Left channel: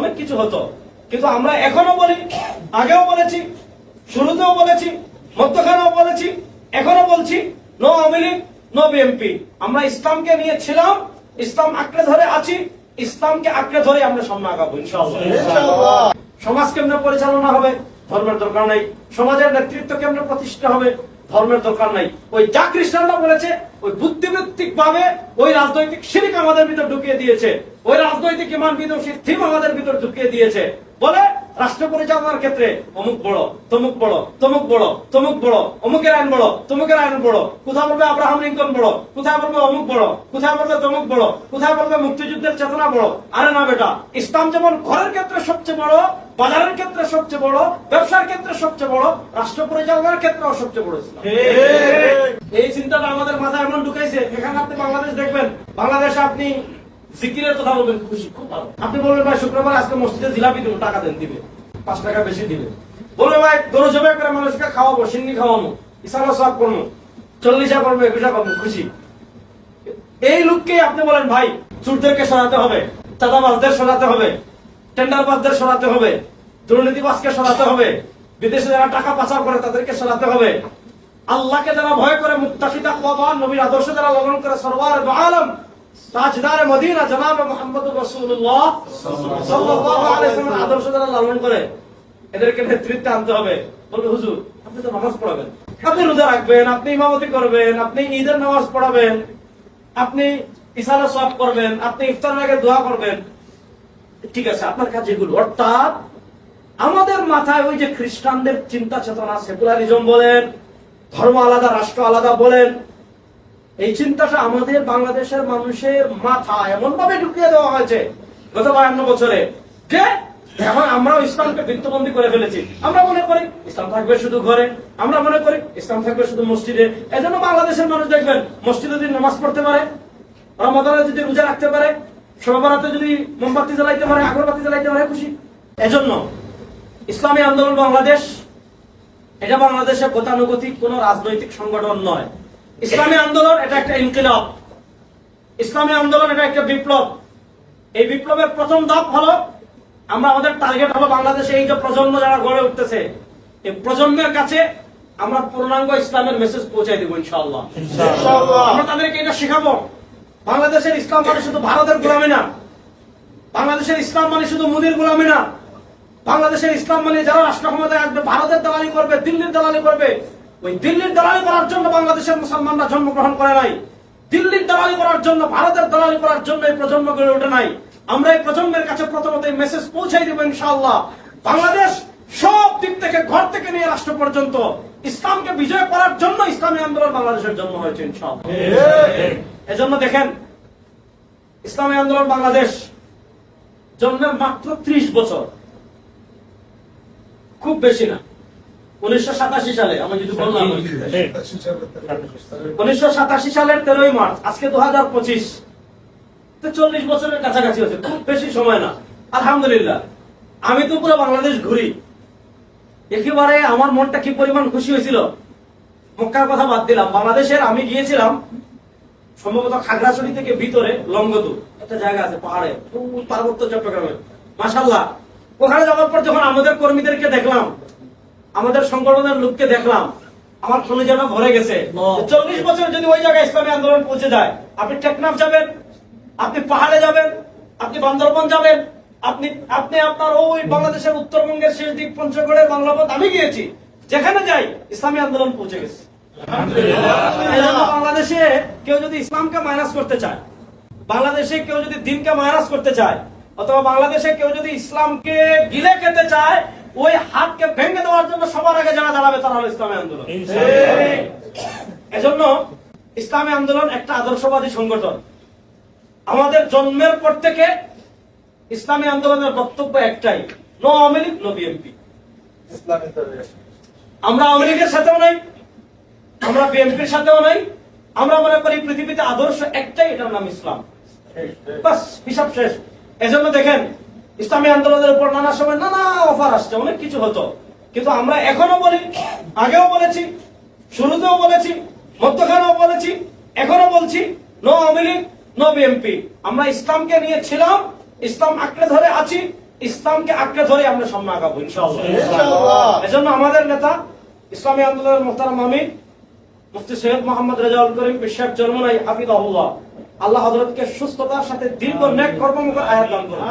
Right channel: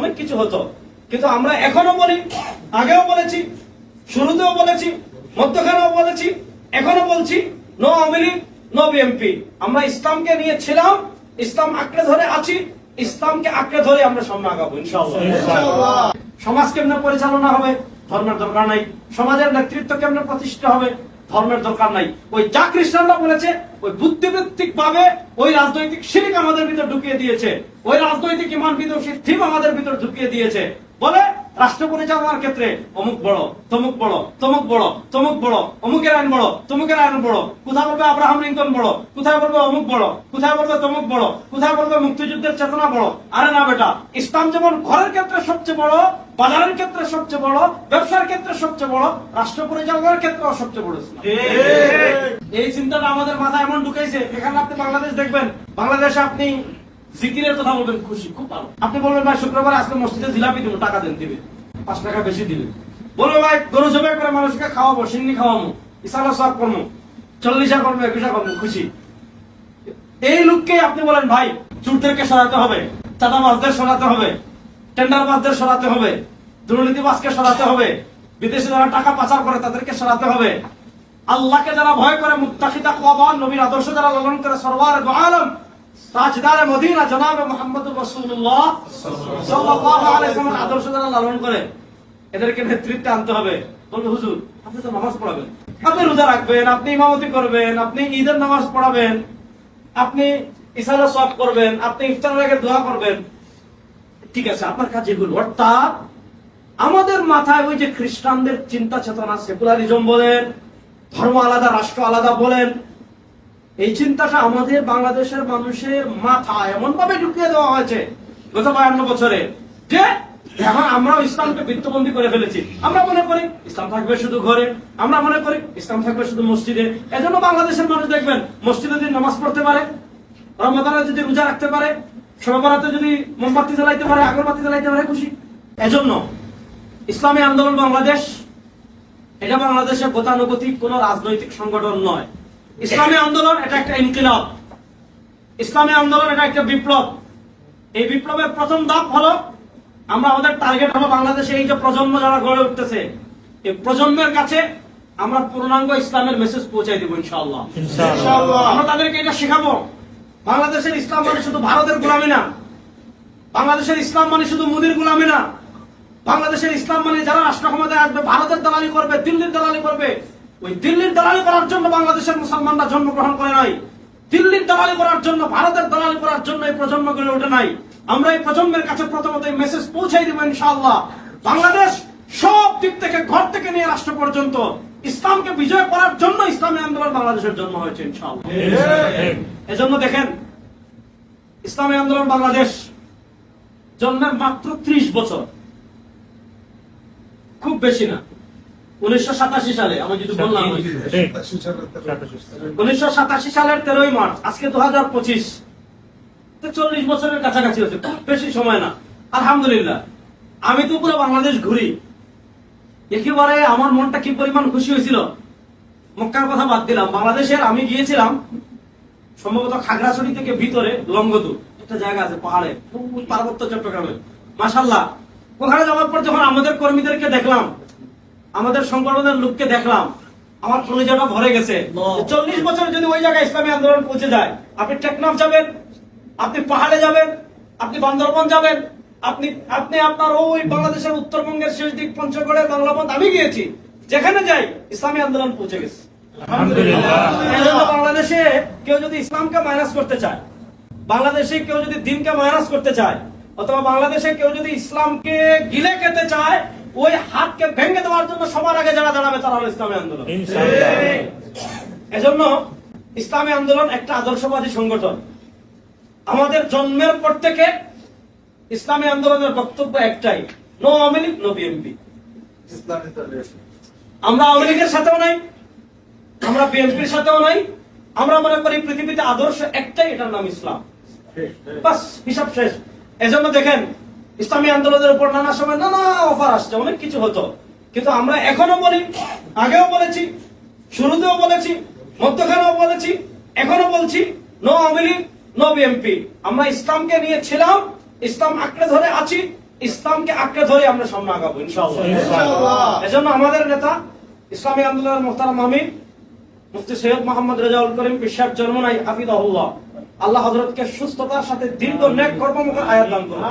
অনেক কিছু হতো। কিন্তু আমরা এখনও বলি, আগেও বলেছি, শুরুতেও বলেছি, মধ্যখানেও বলেছি এখনও বলছি no Awami League no BNP আমরা ইসলামকে নিয়ে ছিলাম, ইসলাম আঁকড়ে ধরে আছি, ইসলামকে আঁকড়ে ধরে আমরা সামনে আগাবো, ইনশাআল্লাহ। সমাজ কেমনে পরিচালনা হবে, ধর্মের দরকার নাই, সমাজের নেতৃত্ব কেমনে প্রতিষ্ঠা হবে ধর্মের দরকার নাই। ওই যা খ্রিস্টানরা বলেছে, ওই বুদ্ধিবৃত্তিক ভাবে ওই রাজনৈতিক শিরিক আমাদের ভিতর ঢুকিয়ে দিয়েছে। ওই রাজনৈতিক ইমান বিদুষীর থিম আমাদের ভিতর ঢুকিয়ে দিয়েছে। বলে রাষ্ট্র পরিচালনার ক্ষেত্রে অমুক বড় তমুক বড় তমুক বড় তমুক বড় অমুকের আইন বড় তমুকের আইন বড় কোথায় বলবে আব্রাহাম লিঙ্কন বড় কোথায় বলবে অমুক বড় কোথায় বলবে তমুক বড় কোথায় বলবে মুক্তিযুদ্ধের চেতনা বড়? আরে না বেটা ইসলাম যেমন ঘরের ক্ষেত্রে সবচেয়ে বড় বাজারের ক্ষেত্রে সবচেয়ে বড় ব্যবসার ক্ষেত্রে সবচেয়ে বড় রাষ্ট্র পরিচালনার ক্ষেত্রেও সবচেয়ে বড় ইসলাম। এই চিন্তাটা আমাদের মাথায় এমন ঢুকাইছে এখানে আপনি বাংলাদেশ দেখবেন বাংলাদেশে আপনি জিকিরের কথা বলবেন, খুশি, খুব ভালো। আপনি বলবেন, ভাই, শুক্রবার আজকে মসজিদে জিলাপি দিব, টাকা দেন, দিবে। পাঁচ টাকা বেশি দিবে। বলবে, ভাই গরু জবাই করে মানুষকে খাওয়াবো, সিঙ্গি খাওয়াবো ইসালা সব করব, চল্লিশা করব, একুশা করব, খুশি। এই লোককেই আপনি বলেন, ভাই, চুরদেরকে সরাতে হবে, চাঁদাবাজদের সরাতে হবে, টেন্ডারবাজদের সরাতে হবে, দুর্নীতিবাজকে সরাতে হবে, বিদেশে যারা টাকা পাচার করে তাদেরকে সরাতে হবে। আল্লাহকে যারা ভয় করে, মুত্তাকিদা কোয়াবান নবীর আদর্শ যারা লালন করে, সরওয়ার দু আলম তাজদার মদিনা জনাবে মোহাম্মদ রাসূলুল্লাহ। সাল্লাল্লাহু আলাইহি ওয়াসাল্লামের আদর্শ যারা লালন করে, এদেরকে নেতৃত্বে আনতে হবে। বলবে, হুজুর, আপনি তো নামাজ পড়াবেন। আপনি রোজা রাখবেন, আপনি ইমামতি করবেন, আপনি ঈদের নামাজ পড়াবেন, আপনি ইসালা সব করবেন, আপনি ইফতার লেগে দোয়া করবেন। ঠিক আছে, আপনার কাছে এগুলো। অর্থাৎ আমাদের মাথায় ওই যে খ্রিস্টানদের চিন্তা চেতনা সেকুলারিজম বলেন, ধর্ম আলাদা, রাষ্ট্র আলাদা বলেন এই চিন্তাটা আমাদের বাংলাদেশের মানুষের মাথা এমন ভাবে ঢুকিয়ে দেওয়া হয়েছে গত বায়ান্ন বছরে যে এখন আমরাও ইসলামকে বৃত্তবন্দী করে ফেলেছি। আমরা মনে করি ইসলাম থাকবে শুধু ঘরে, আমরা মনে করি ইসলাম থাকবে শুধু মসজিদে। এজন্য বাংলাদেশের মানুষ দেখবেন, মসজিদে যদি নামাজ পড়তে পারে, রমাদানে যদি রোজা রাখতে পারে সবাবরাতে যদি মোমবাতি জ্বালাইতে পারে, আগরবাতি জ্বালাইতে পারে, খুশি। এজন্য ইসলামী আন্দোলন বাংলাদেশ, এটা বাংলাদেশের গতানুগতিক কোন রাজনৈতিক সংগঠন নয়। ইসলামী আন্দোলন এটা একটা ইনকিলাব। ইসলামী আন্দোলন এটা একটা বিপ্লব। এই বিপ্লবের প্রথম ধাপ হলো আমরা আমাদের টার্গেট হলো বাংলাদেশে এই যে প্রজন্ম যারা গড়ে উঠতেছে এই প্রজন্মের কাছে আমরা পূর্ণাঙ্গ ইসলামের মেসেজ পৌঁছাই দেবো ইনশাআল্লাহ। আমরা তাদেরকে এটা শেখাবো বাংলাদেশের ইসলাম মানে শুধু ভারতের গোলামি না বাংলাদেশের ইসলাম মানে শুধু মুদির গোলামি না বাংলাদেশের ইসলাম মানে যারা রাষ্ট্র ক্ষমতায় আসবে ভারতের দালালি করবে দিল্লির দালালি করবে ওই দিল্লির দালালি করার জন্য বাংলাদেশের মুসলমানরা জন্মগ্রহণ করে নাই। দিল্লির দালালি করার জন্য, ভারতের দালালি করার জন্য এই প্রজন্ম গড়ে ওঠে নাই। আমরা এই প্রজন্মের কাছে প্রথমত এই মেসেজ পৌঁছাই দিব ইনশাআল্লাহ। বাংলাদেশ সব দিক থেকে ঘর থেকে নিয়ে রাষ্ট্র পর্যন্ত ইসলামকে বিজয় করার জন্য ইসলামী আন্দোলন বাংলাদেশের জন্ম হয়েছে ইনশাআল্লাহ। এজন্য দেখেন, ইসলামী আন্দোলন বাংলাদেশ জন্মের মাত্র ত্রিশ বছর। খুব বেশি না। উনিশশো সালে আমি যদি বললাম উনিশশো সালের তেরোই মার্চ আজকে দু হাজার পঁচিশ। চল্লিশ বছরের কাছাকাছি হচ্ছে খুব বেশি সময় না। আলহামদুলিল্লাহ। আমি তো পুরো বাংলাদেশ ঘুরি। একেবারে আমার মনটা কি পরিমাণ খুশি হয়েছিল? মক্কার কথা বাদ দিলাম। বাংলাদেশের আমি গিয়েছিলাম সম্ভবত খাগড়াছড়ি থেকে ভিতরে লঙ্গদু একটা জায়গা আছে পাহাড়ে পার্বত্য চট্টগ্রামে। মাসাল্লাহ ওখানে যাওয়ার পর যখন আমাদের কর্মীদেরকে দেখলাম আমাদের সংগঠনের লোককে দেখলাম আমার কলেজাটা ভরে গেছে। চল্লিশ বছর যদি ওই জায়গায় ইসলামী আন্দোলন পৌঁছে যায় আপনি টেকনাফ যাবেন আপনি পাহাড়ে যাবেন আপনি বান্দরবন যাবেন আপনি আপনি আপনার ওই বাংলাদেশের উত্তরবঙ্গের শেষ দিক পঞ্চগড়ের বাংলাপথ আমি গিয়েছি যেখানে যাই ইসলামী আন্দোলন পৌঁছে গেছে। বাংলাদেশে কেউ যদি ইসলামকে মাইনাস করতে চায় বাংলাদেশে কেউ যদি দিনকে মাইনাস করতে চায় অথবা বাংলাদেশে কেউ যদি ইসলামকে গিলে খেতে চায় ওই হাতকে ভেঙে দেওয়ার জন্য সবার আগে যারা দাঁড়াবে তারা হলো ইসলামী আন্দোলন। এজন্য ইসলামী আন্দোলন একটা আদর্শবাদী সংগঠন। আমাদের জন্মের পর থেকে ইসলামী আন্দোলনের বক্তব্য একটাই no Awami League no BNP আমরা আওয়ামী লীগের সাথেও নাই আমরা বিএনপির সাথেও নাই আমরা মনে করি পৃথিবীতে আদর্শ একটাই এটার নাম ইসলাম। বাস হিসাব শেষ। এজন্য দেখেন ইসলামী আন্দোলনের উপর নানা সময় নানা অফার আসছে অনেক কিছু হতো। কিন্তু আমরা এখনও বলি আগেও বলেছি শুরুতেও বলেছি মধ্যখানেও বলেছি এখনও বলছি no Awami League no BMP আমরা ইসলামকে নিয়ে ছিলাম ইসলাম আঁকড়ে ধরে আছি ইসলামকে আঁকড়ে ধরে আমরা সামনে আগাবো ইনশাআল্লাহ। এজন্য আমাদের নেতা ইসলামী আন্দোলনের মোহতারাম আমিন মুফতি সৈয়দ মোহাম্মদ রেজাউল করিম বিশ্বাস জন্ম নাই হাফিদাহুল্লাহ। আল্লাহ হজরতকে সুস্থতার সাথে দীর্ঘ নেক কর্মমুখ আয়াত দান করুন।